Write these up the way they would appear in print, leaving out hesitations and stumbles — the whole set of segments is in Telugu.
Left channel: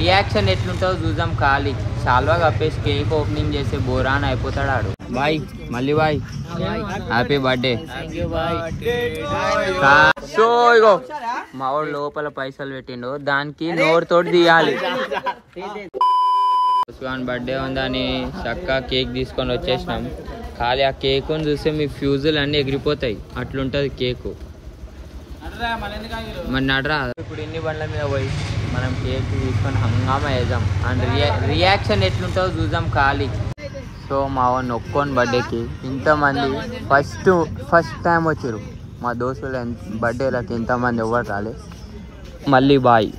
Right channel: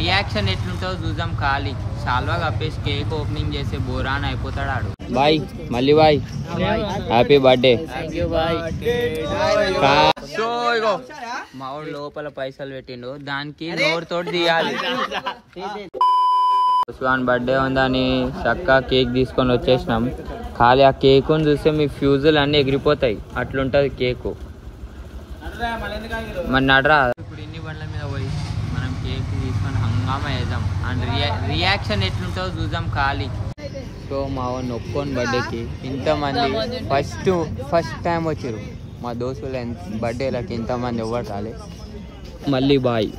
రియాక్షన్ ఎట్లుంటుందో చూద్దాం. ఖాళీ సాల్వా కప్పేసి కేక్ ఓపెనింగ్ చేసే బోరాన్ అయిపోతాడు ఆడు. బాయ్ మళ్ళీ బాయ్, హ్యాపీ బర్త్డే. సో ఇగో మా వాడు లోపల పైసలు పెట్టిండు, దానికి నోరుతోటి తీయాలి. ఉస్మాన్ బర్త్డే ఉందని చక్కగా కేక్ తీసుకొని వచ్చేసినాం. ఖాళీ ఆ కేకుని చూస్తే మీ ఫ్యూజులు అన్నీ ఎగిరిపోతాయి, అట్లుంటుంది కేకు. మరి నడరా ఇప్పుడు ఇన్ని బండ్ల మీద పోయి మనం కేక్ తీసుకొని హంగామా వేద్దాం అండ్ రియాక్షన్ ఎట్లుంటుందో చూద్దాం. ఖాళీ సో మా వాడిని ఒక్కొని బర్త్డేకి ఇంతమంది ఫస్ట్ టైం వచ్చారు మా దోస్తులు. బర్త్డేలకి ఇంతమంది ఎవరు రాలే. మళ్ళీ బాయ్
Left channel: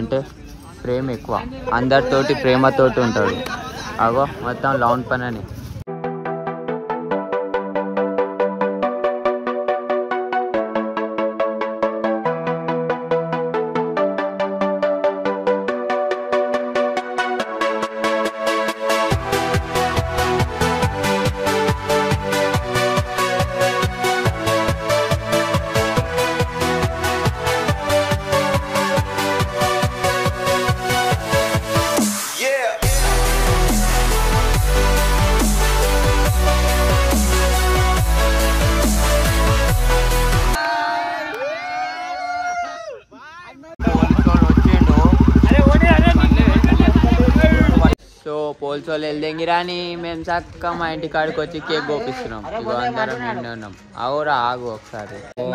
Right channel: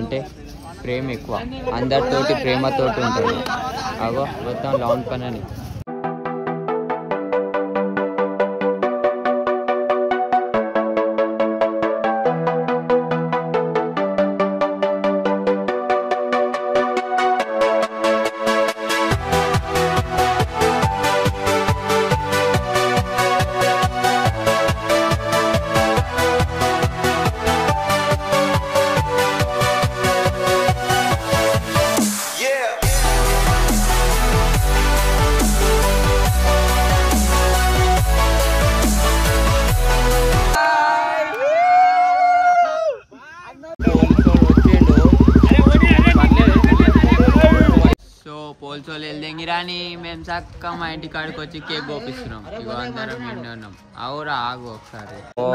అంటే ప్రేమ ఎక్కువ, అందరితోటి ప్రేమతోటి ఉంటాడు. అగో మొత్తం లాంగ్ పని అని. పోల్చోళ్ళు వెళ్దేంగిరా అని మేము చక్క మా ఇంటి కాడికి వచ్చి కేక్ కోపిస్తున్నాం. ఇగో అందరం నిండి ఉన్నాం. అవురా ఆగు ఒకసారి. Oh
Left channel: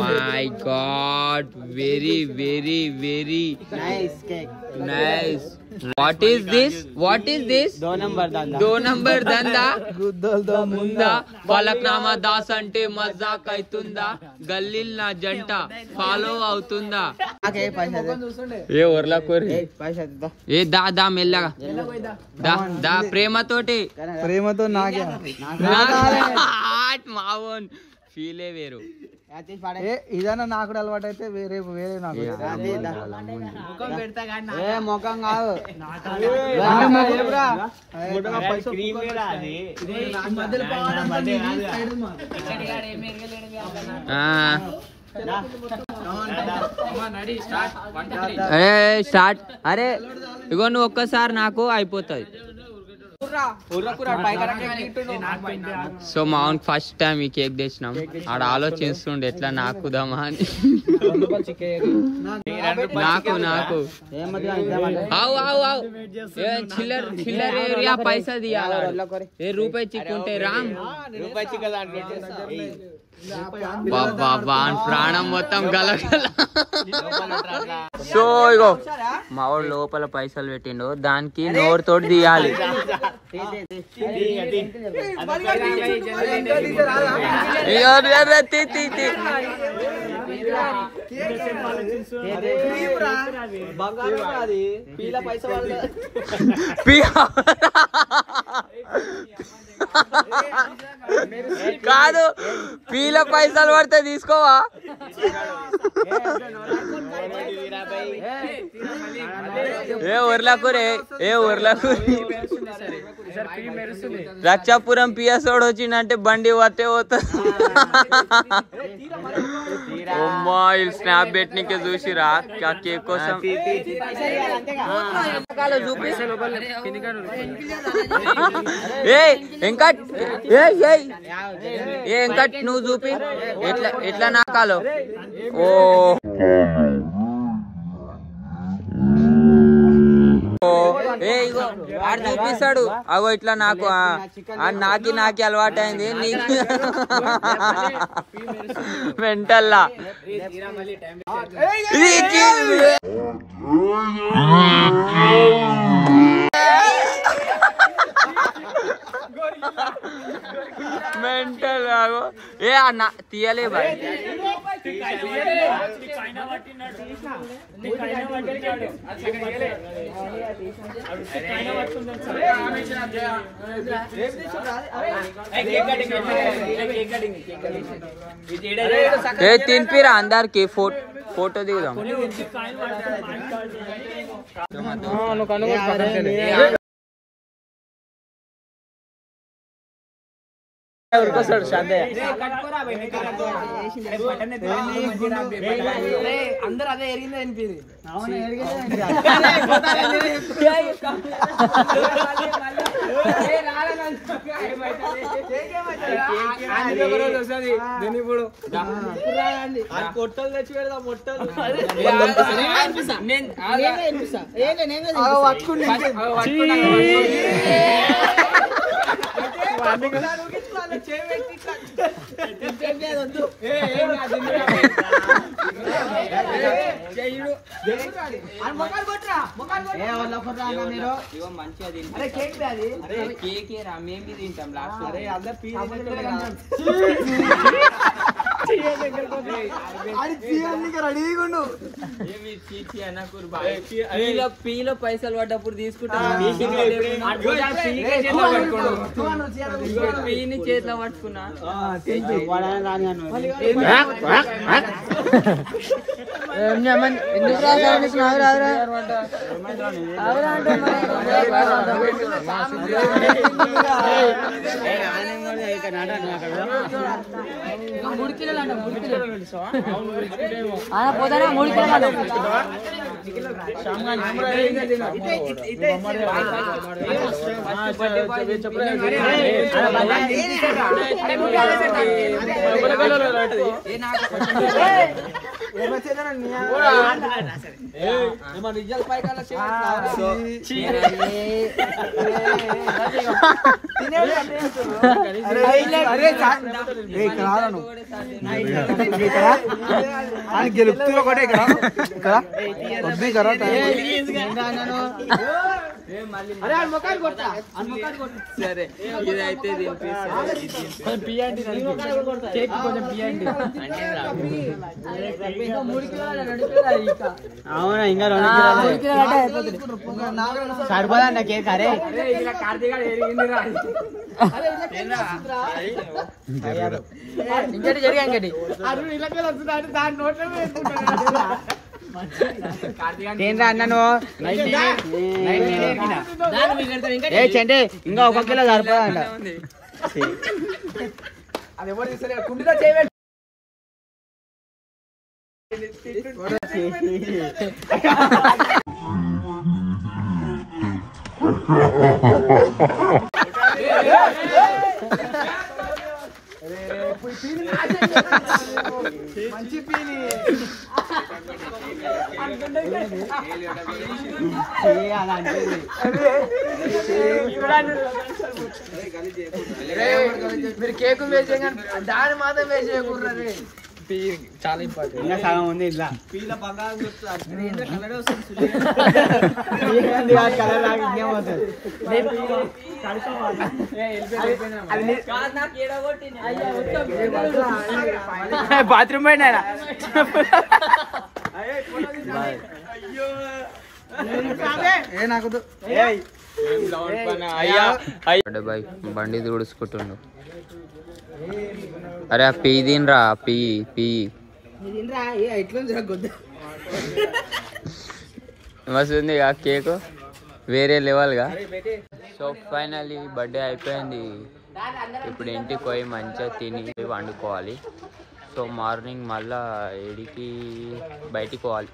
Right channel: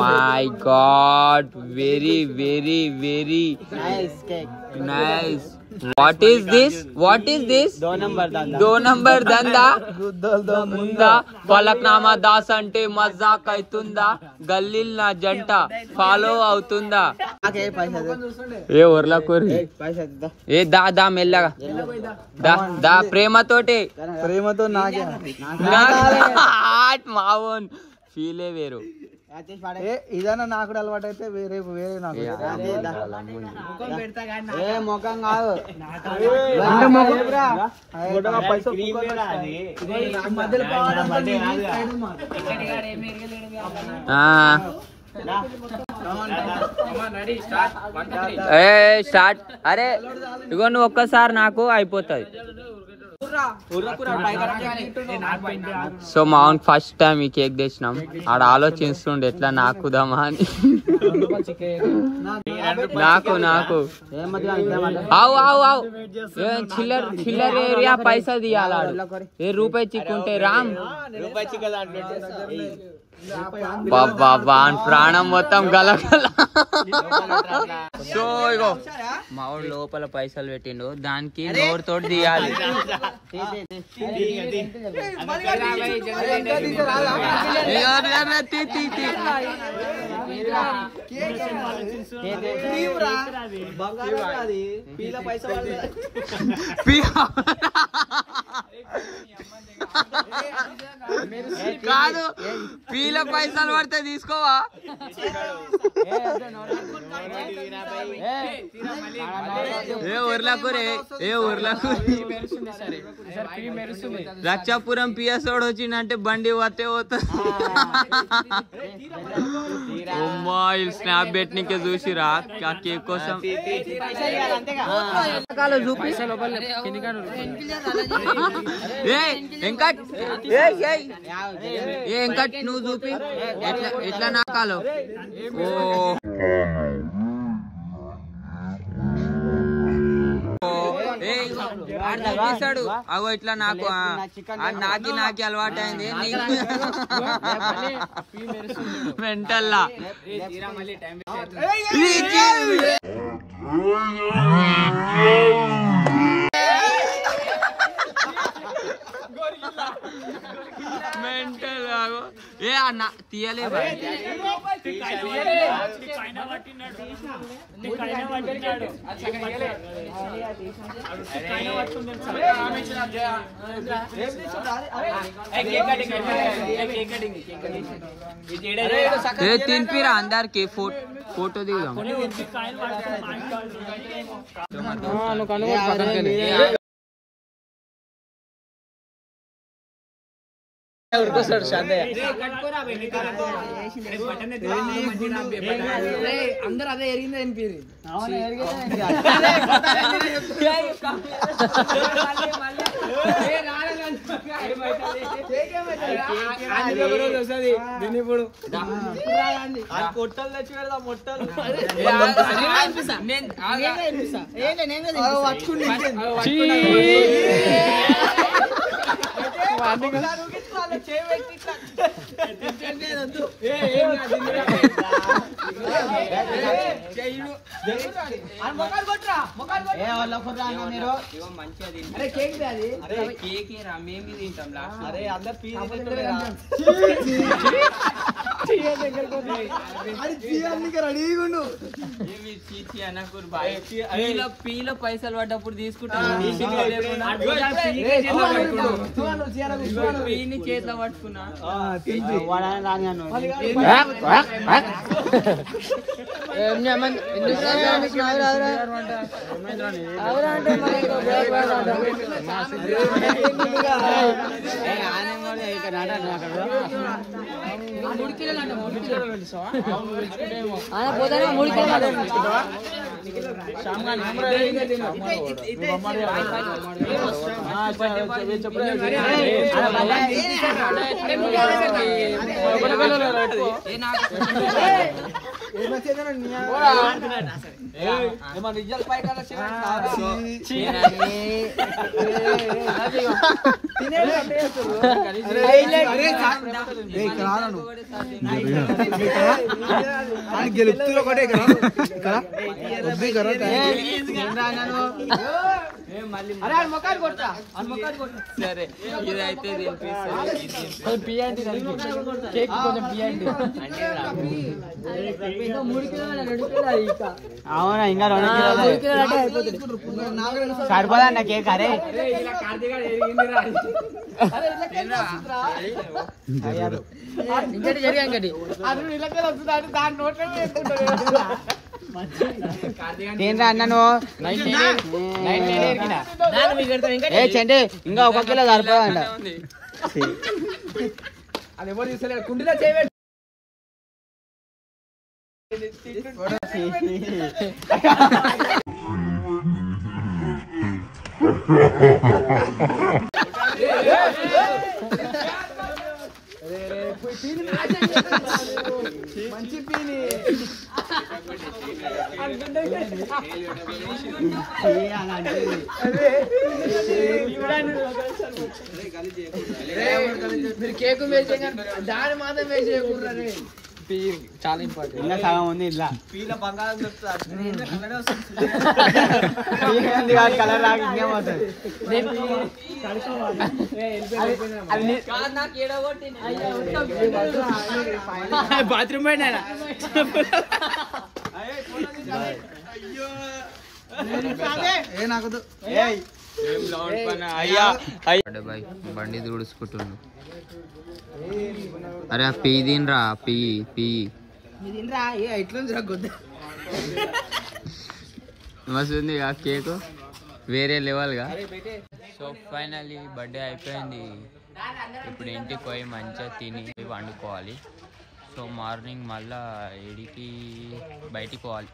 my God, very very very nice. What is this? What is this? 2 number దందా ఉందా? ఫలక్నామా దాస్ అంటే మజాక్ అవుతుందా? గల్లీల్ నా జంట ఫాలో అవుతుందా? ఏ ఊర్లా కోరి ఏ దా దా మెల్లగా దా దా ప్రేమతోటి మావోన్ ఫీలే వేరు. ఇదన్నా నాకు కూడా అలవాటు అయితే వేరే వేరే నాకు ముఖం కాదు. స్టార్ట్. అరే ఇగో నువ్వు ఒక్కసారి నాకు అయిపోతుంది. సో మా ఫస్ట్ టైం ఈ కేక్ తెచ్చినాం. ఆడ ఆలోచిస్తుండే ఎట్లా నాకుదామా అని. నాకు నాకు ఆవు ఆవు ఆవు చిల్లర చిల్లర ఏరియా పైసా తీయాలి. ఏ రూపాయి చిక్కుంటే రామ్ ప్రాణం మొత్తం గలగల. సో ఇగో మా వాడు లోపల పైసలు పెట్టిండు, దానికి నోరుతోటి తీయాలి. కాదు పీల పైసలు పడితే తీసుకోవా? ఏ ఊర్లకూరే ఏ ఊర్లకూరి రక్షాపురం పిఎస్ఓడు వచ్చిందంటే బండి వస్తే పోతుంది. స్నాప్ పెట్టినకే చూసిరా కేక్ కోసం. ఇంకా ఇంకా నువ్వు చూపి ఎట్లా ఎట్లా నాకాలో. ఓ ఆడు చూపిస్తాడు. అగో ఇట్లా నాకు నాకి అలవాటు అయింది. నీకు మెంటల్లా మెంటల్. ఆగో ఏ అన్న తీయలే బాయ్. ఏ తినిపిరా అందరికి ఫోటో దిగుదాం. అందరూ అదే ఎరిగింది అనిపించింది. మొట్టలు తెచ్చి పెడదా మొట్టలు పీలో పైసలు పడ్డప్పుడు తీసుకుంటాను పీని చేతిలో పట్టుకున్నా గెలుపుతూ ఒకటే ఇక్కడ సరే ఇదైతే అవునా ఇంకా 2 కిలోలు సరిపోదండి కేక్. అరే ఏంట్రా అన్నను చంటే ఇంకా 1 కిలో సరిపోదంట. మంచి పీని మీరు కేకు వేసే దాని మాత్రం వేసే చాలా ఇంపార్టెంట్. ఇంకా సగం ఉంది ఇట్లా పీల పక్కన కలర్ వస్తుంది కలర్ లాగా ఇంకేం అవుతుంది. బాత్రూమ్ పోయినా బండి తుడుచుకుంటుండు. అరే ఆ పీ తినరా పీ మస్తుంది ఆ కేకు వేరే లెవెల్గా. సో ఫైనల్లీ బర్త్డే అయిపోయింది. ఇప్పుడు ఇంటికి పోయి మంచిగా తిని వండుకోవాలి. సో మార్నింగ్ మళ్ళా 7కి బయటికి పోవాలి.